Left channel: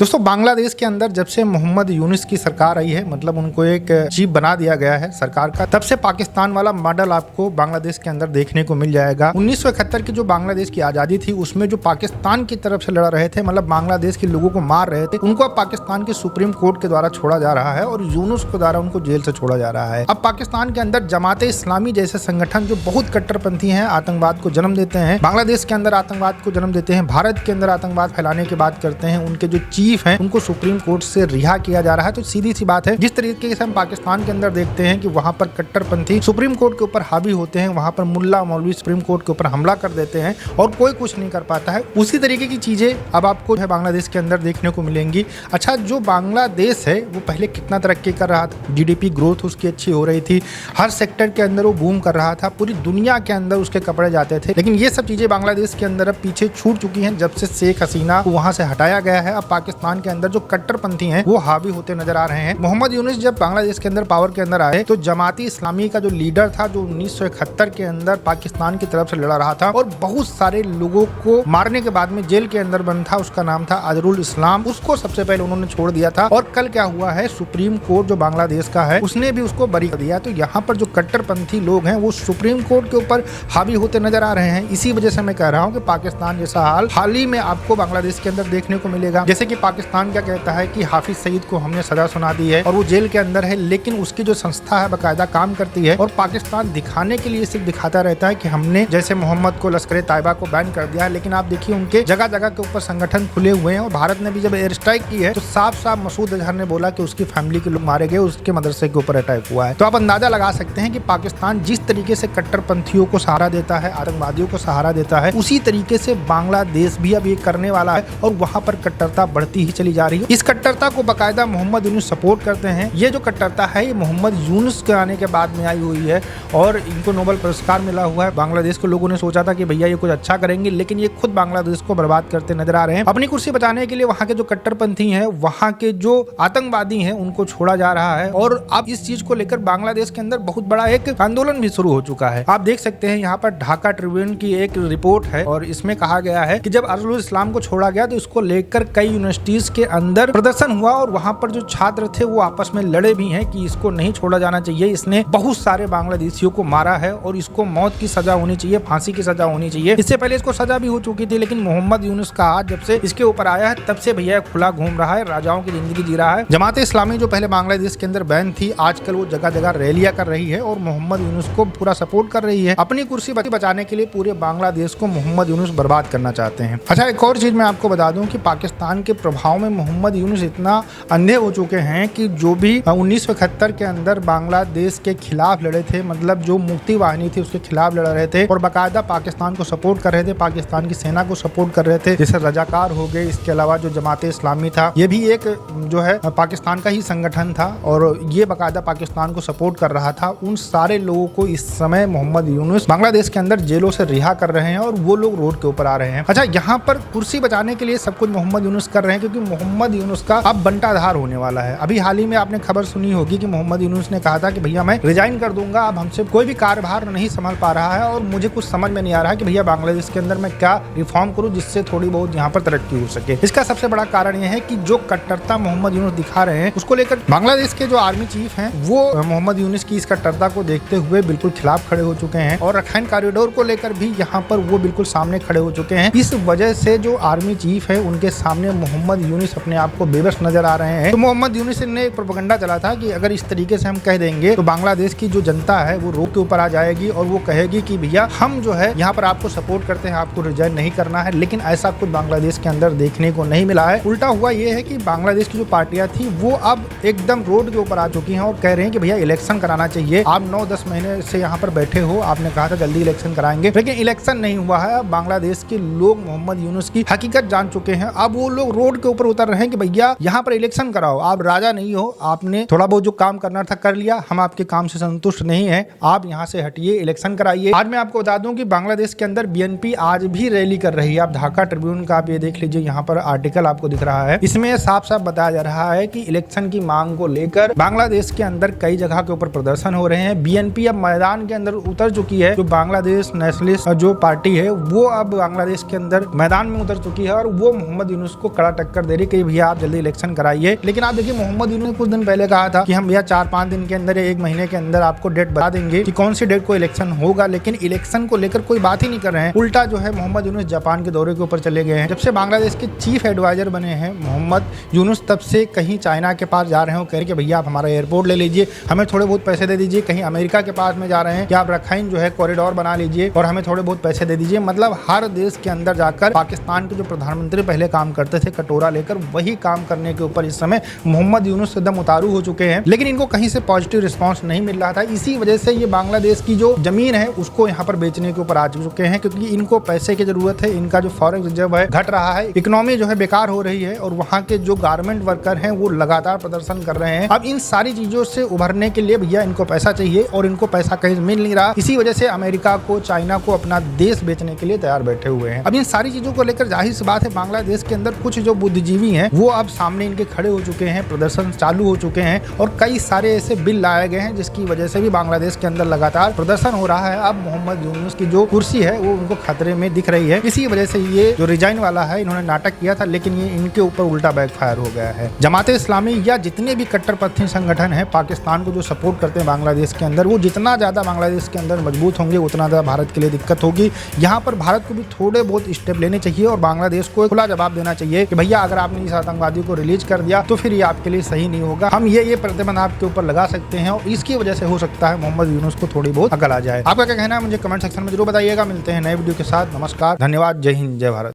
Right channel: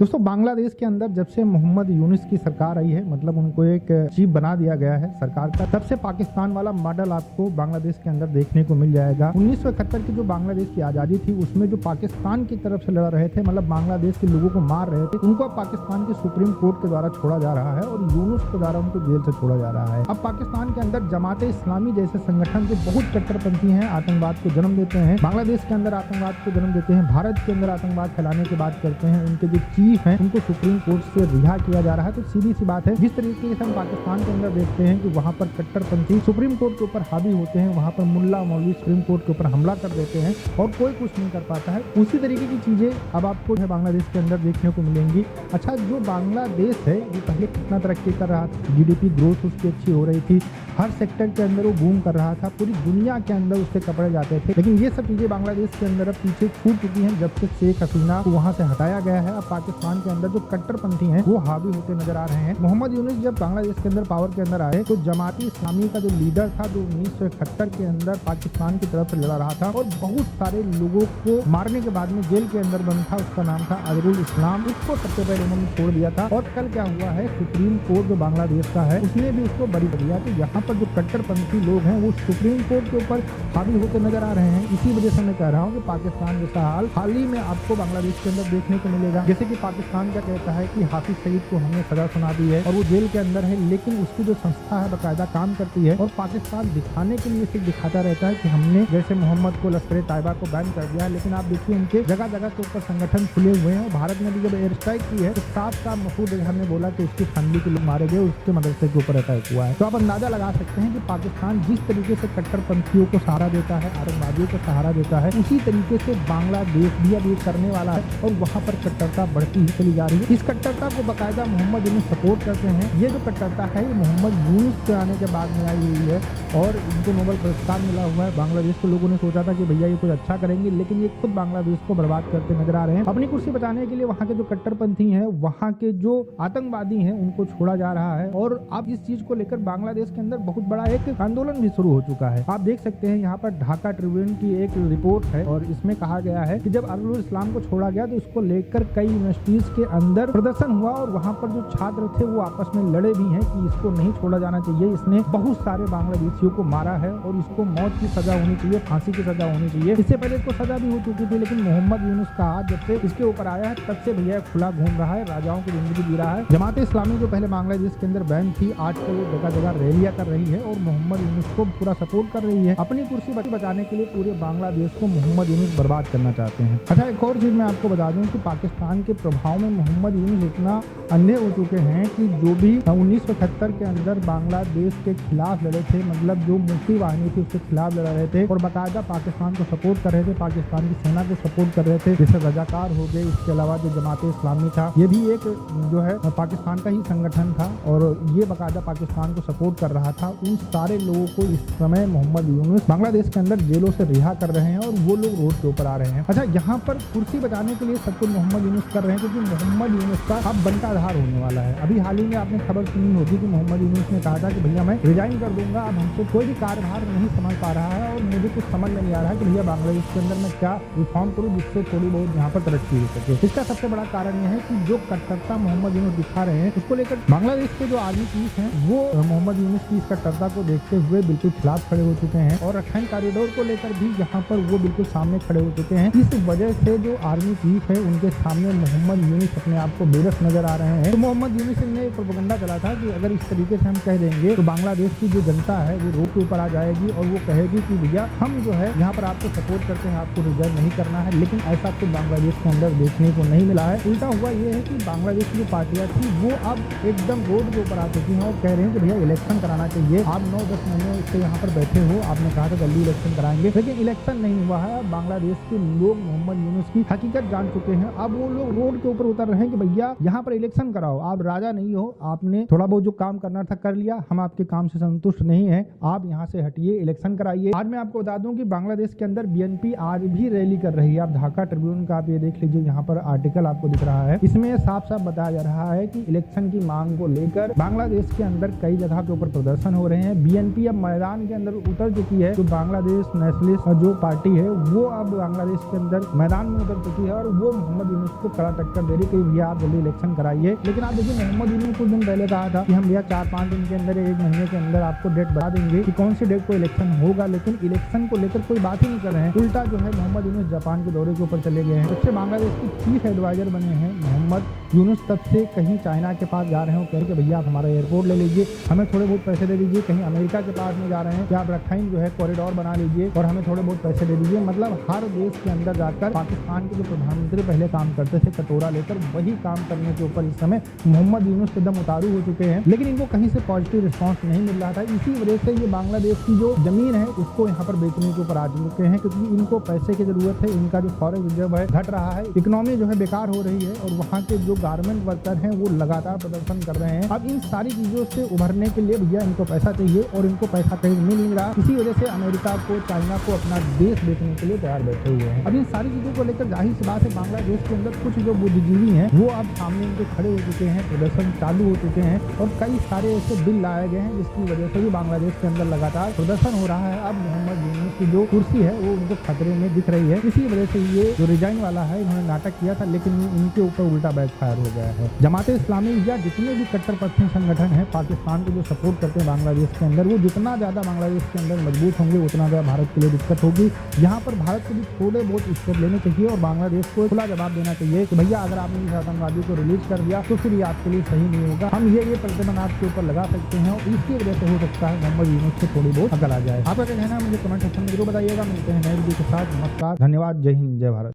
दोस्तों बांग्लादेश के अंदर जब से मोहम्मद यूनुस की सरकार आई है, मतलब उनको एक चीफ बना दिया गया है सरकार का, तब से पाकिस्तान वाला मॉडल आपको बांग्लादेश के अंदर देखने को मिल जाएगा। 1971 की जो बांग्लादेश की आजादी थी उसमें जो पाकिस्तान की तरफ से लड़ रहे थे, मतलब बांग्लादेश के लोगों को मार रहे थे, उनको अब पाकिस्तान के सुप्रीम कोर्ट के द्वारा छोड़ा जा रहा है और यूनुस के द्वारा उनको जेल से छोड़ा जा रहा है। अब पाकिस्तान के अंदर जमाते इस्लामी जैसे संगठन जो बहुत कट्टरपंथी हैं, आतंकवाद को जन्म देते हैं, बांग्लादेश के अंदर आतंकवाद को जन्म देते हैं, भारत के अंदर आतंकवाद फैलाने की बात करते हैं, उनके जो चीफ हैं उनको सुप्रीम कोर्ट से रिहा किया जा रहा है। तो सीधी सी बात है, जिस तरीके से हम पाकिस्तान के अंदर देखते हैं कि वहां पर कट्टरपंथी सुप्रीम कोर्ट के ऊपर हावी होते हैं, वहां पर मुल्ला मौलवी सुप्रीम कोर्ट के ऊपर हमला कर देते हैं और कोई कुछ नहीं कर पाता है, उसी तरीके की चीजें अब आपको जो है बांग्लादेश के अंदर देखने को मिलेंगी। अच्छा, जो बांग्लादेश है वो पहले कितना तरक्की कर रहा था, जीडीपी ग्रोथ उसकी अच्छी हो रही थी, हर सेक्टर के अंदर वो बूम कर रहा था, पूरी दुनिया के अंदर उसके कपड़े जाते थे, लेकिन ये सब चीजें बांग्लादेश के अंदर अब पीछे छूट चुकी हैं जब से शेख हसीना को वहां से हटाया गया है। अब पाकिस्तान के अंदर जो कट्टरपंथी हैं वो हावी होते नजर आ रहे हैं। मोहम्मद यूनुस जब बांग्लादेश के अंदर पावर के अंदर आए तो जमाती इस्लामी का जो लीडर था, जो 1971 के अंदर पाकिस्तान की तरफ से लड़ा रहा था और बहुत सारे लोगों को मारने के बाद में जेल के अंदर बंद था, उसका नाम था अजहरुल इस्लाम, उसको सबसे पहले उन्होंने छोड़ दिया था। और कल क्या हुआ है, सुप्रीम कोर्ट जो बांग्लादेश का है उसने भी उसको बरी कर दिया। तो यहाँ पर जो कट्टरपंथी लोग हैं वो सुप्रीम कोर्ट के ऊपर हावी होते नजर आ रहे हैं। इसी वजह से मैं कह रहा हूँ कि पाकिस्तान जैसा हाल ही में आपको बांग्लादेश के अंदर देखने को मिलेगा। जैसे कि पाकिस्तान क्या कहता है कि हाफिज सईद को हमने सजा सुना दी है और वो जेल के अंदर है, लेकिन उसकी जो संस्था है बाकायदा काम करती है और पाकिस्तान दिखाने के लिए सिर्फ दिखाता रहता है कि हमने जैसे मोहम्मद को, लश्कर तैयबा को बैन कर दिया है, लेकिन आप देखिए उनके जगह जगह के ऊपर संगठन खुले हुए हैं। और भारत ने भी जब एयर स्ट्राइक की है तो साफ साफ मसूद अजहर ने बोला कि उसकी फैमिली के लोग मारे गए, उसके मदरसे के ऊपर अटैक हुआ है। तो आप अंदाजा लगा सकते हैं कि पाकिस्तान जिस तरीके से कट्टरपंथियों को सहारा देता है, आतंकवादियों को सहारा देता है, उसी तरीके से बांग्लादेश भी अब ये करने वाला है और वहां पर कट्टरता बढ़ती ही चली जा रही है। इस कट्टरता को बाकायदा मोहम्मद यूनुस सपोर्ट करते हैं। ये जो कट्टरता है ये मोहम्मद यूनुस के आने के बाद में आई हुई है और इनको नोबेल पुरस्कार मिला हुआ है। बांग्लादेश के लोगों ने सोचा था कि भैया ये कुछ अच्छा करेंगे, लेकिन ये खुद बांग्लादेश को बर्बाद करते नजर आ रहे हैं। अपनी कुर्सी बचाने के लिए वहां के जो कट्टरपंथी हैं, वहां के जो आतंकवादी हैं, उनको छोड़ा जा रहा है और अब इस चीज को लेकर बांग्लादेश के अंदर बहुत बड़ा एक आंदोलन भी शुरू हो चुका है। आप देख सकते हैं यहाँ पर ढाका ट्रिब्यून की एक रिपोर्ट है और इसमें कहा गया है कि जब अजहरुल इस्लाम को छोड़ा गया तो इसको लेकर कई यूनिवर्सिटीज के अंदर प्रदर्शन हुआ और वहां पर जो छात्र थे वो आपस में लड़े भी हैं कि इसको नहीं छोड़ा जाना चाहिए, इसने बहुत सारे बांग्लादेशियों को मारा है और इसको मौत की सजा होनी चाहिए, फांसी की सजा होनी चाहिए। इससे पहले इसको सजा भी हो चुकी थी, लेकिन मोहम्मद यूनुस का हाथ जब से इसके ऊपर आया है तब से भैया खुला घूम रहा है, राजाओं की जिंदगी जी रहा है। जमात इस्लामी जो पहले बांग्लादेश के अंदर बैन थी, आजकल वो जगह जगह रैलियां कर रही है और मोहम्मद यूनुस को पूरा सपोर्ट कर रही है। अपनी कुर्सी बचाने के लिए पूरे बांग्लादेश को मोहम्मद यूनुस बर्बाद करना चाहते हैं। अच्छा, एक और चीज मैं आपको बता दूं कि पाकिस्तान के प्रभाव में मोहम्मद यूनुस इतना अंधे हो चुके हैं कि जो भी 1971 के अंदर बांग्लादेश के खिलाफ लड़े थे, मतलब जो मुक्ति वाहिनी थी उसके खिलाफ लड़ रहे थे और बाकायदा पाकिस्तान को सपोर्ट कर रहे थे, पाकिस्तान की सेना को सपोर्ट कर रहे थे, जैसे रजाकार हो गए, इसके अलावा जो जमाते इस्लामी था ये भी एक जो है पाकिस्तान का ही संगठन था और ये बाकायदा पाकिस्तान को सपोर्ट कर रहा था। उन सारे लोगों को इस समय मोहम्मद यूनुस बांग्लादेश के अंदर जेलों से रिहा कर रहे हैं और वो लोग रोड के ऊपर आ रहे हैं। अच्छा, यहाँ पर कुर्सी बचाने के लिए सब कुछ मोहम्मद यूनुस कर रहे हैं क्योंकि मोहम्मद यूनुस का अब बंटाधार होने वाला है। अभी हाल ही में आपने खबर सुनी होगी कि मोहम्मद यूनुस ने कहा था कि भैया मैं रिजाइन कर दूंगा, अब हमसे कोई भी कार्यभार नहीं संभाल पा रहा है और मुझे कुछ समझ में नहीं आ रहा है कि भैया बांग्लादेश के अंदर मैं क्या रिफॉर्म करूं जिससे थोड़ी बहुत यहाँ पर तरक्की हो सके। इसका सबसे बड़ा कारण यह है कि जो कट्टरता मोहम्मद यूनुस दिखा रहे हैं उसको लेकर बांग्लादेश के जो आर्मी चीफ हैं वो मोहम्मद यूनुस की इस कट्टरता को देखते हुए बिल्कुल खिलाफ खड़े हो चुके हैं और रखाइन कॉरिडोर को लेकर भी यहाँ पर वो बिल्कुल सामने खड़े हो चुके हैं। इस वजह से जो आर्मी चीफ है उनके सामने मोहम्मद यूनुस अपने आप को बेबस नजर आ रहे हैं। तो मोहम्मद यूनुस ने एक प्रोपेगेंडा चला था कि अगर इस तरीके से हम कह देंगे तो बांग्लादेश की जो जनता है वो रोक के ऊपर आ जाएगी और वो कहेगी कि भैया हम जो है यहाँ पर आपको सपोर्ट करते हैं, आपको रिजाइन नहीं करना है, लेकिन ऐसा कुछ बांग्लादेश के अंदर देखने को नहीं मिला है। उल्टा हुआ ये है कि बांग्लादेश की जो पार्टियां थी वो अब एकदम रोड के ऊपर आ चुकी हैं और कह रहे हैं कि भैया इलेक्शन कराना चाहिए। आप 9-10 महीने से यहाँ पर बैठे हो, आपने कहा था जल्दी इलेक्शन कराएंगे, लेकिन इलेक्शन नहीं हुआ है। बांग्लादेश के लोग मोहम्मद यूनुस की हकीकत जान चुके हैं। अब वो लोग रोड के ऊपर उतर रहे हैं कि भैया यहाँ पर इलेक्शन कराओ, आप राजा नहीं हो, आपने थोड़ा बहुत जो काम करना था कर लिया, हम आपके काम से संतुष्ट नहीं है, आप यहाँ से हटिए, इलेक्शन कराइए। आज मैं आपको बता दूं कि बांग्लादेश के अंदर बीएनपी आज भी रैली कर रही है। आप ढाका ट्रिब्यून का आप ये देख लीजिए, यहाँ पर आर्टिकल आपको दिख रहा है, इसमें साफ साफ बताया जा रहा है कि इलेक्शन की मांग को लेकर बांग्लादेश के अंदर कई जगह के ऊपर प्रदर्शन हो रहे हैं। बीएनपी अब मैदान के अंदर उतर चुकी है। जो बांग्लादेश नेशनलिस्ट जो पार्टी है वो अब बांग्लादेश के अंदर मैदान में उतर चुकी है और वो मोहम्मद यूनुस को कड़ा टक्कर दे रही कि भैया आप जल्दी इलेक्शन कराइए। लेकिन आप देखिए मोहम्मद यूनुस ने कुछ दिन पहले कहा था कि हम भैया 4-5 दिन के अंदर, 1 महीने के अंदर आपको डेट बता देंगे कि कौन सी डेट को इलेक्शन होगा। लेकिन इलेक्शन को लेकर कोई बात ही नहीं कर रहे हैं। उल्टा जो है मोहम्मद यूनुस जापान के दौरे के ऊपर चले गए हैं। जब से बांग्लादेश के चीफ एडवाइजर बने हैं मोहम्मद यूनुस, तब से कहीं चाइना के पास जा रहे हैं, कह रहे कि भैया आप हमारा एयरपोर्ट ले लीजिए, हमें थोड़े बहुत पैसे दे दीजिए। कहीं अमेरिका के पास में जा रहे हैं कि आप रखाइन जो है कॉरिडोर बना लीजिए और हमें थोड़े बहुत पैसे दे दीजिए। मतलब हर देश के अंदर जाकर पाकिस्तान के जो प्रधानमंत्री पहले काम करते थे कटोरा लेकर, वही काम करने के ऊपर इस समय मोहम्मद यूनुस एकदम उतारू हो चुके हैं। लेकिन इनको कहीं से पॉजिटिव रिस्पांस नहीं मिल रहा था। इसी वजह से ये बांग्लादेश की जो जमीन है उसको यहाँ पर बेचने के ऊपर आ चुके हैं, क्योंकि इनको पैसे की जरूरत है। इनका जो फॉरेन रिजर्व है घट रहा है, इकोनॉमी जो है बेकार हो रही है और वहाँ के जो गारमेंट वर्कर हैं वो लगातार प्रदर्शन कर रहे हैं। अब इन सारी चीजों से उभरने के लिए भैया इनको पैसा चाहिए और इनको पैसा कहीं मिल नहीं रहा। इसी वजह से अमेरिका को, चाइना को अपना देश बेचने के लिए तैयार बैठे हुए हैं। अब इन सारी चीजों को लेकर जाहिर सी बात है बांग्लादेश के अंदर कुछ जो बुद्धिजीवी हैं वो अब सामने इनके खड़े हो चुके हैं, प्रदर्शन चालू हो चुके हैं और कई सारे ऐसे बिल लाए गए हैं जिसकी वजह से भी बांग्लादेश के अंदर लगातार प्रदर्शन हो रहा है। अब मोहम्मद यूनुस की जो कुर्सी है वो उनको खतरे में दिख रही है। इसी वजह से ये जो रिजाइन वाला है, इन्होंने नाटक किया था लेकिन ये इनके ऊपर उल्टा बैकफायर हो गया है। जमात इस्लामी या जितने भी कट्टरपंथी संगठन है पाकिस्तान को जो सपोर्ट करते हैं बांग्लादेश के अंदर, वो जितना ज्यादा बांग्लादेश के अंदर मजबूत होंगे उतना ज्यादा भारत के लिए दिक्कत होगी। यहाँ पर भारत को भी थोड़े बहुत स्टेप लेने चाहिए और बांग्लादेश को खुला जवाब देना चाहिए कि भैया अगर आपने इस आतंकवादी को रिलीज कर दिया तो फिर ये आपके लिए सही नहीं होगा। हम ये प्रतिबंध आपके ऊपर लगा सकते हैं और इसकी वजह से हो सकता है मोहम्मद यूनुस को थोड़ी बहुत अकल आ जाए। आपका क्या कहना है मुझे कमेंट सेक्शन में जरूर बताइएगा। मिलते हैं नए वीडियो के साथ। नमस्कार, धन्यवाद, जय हिंद, जय भारत।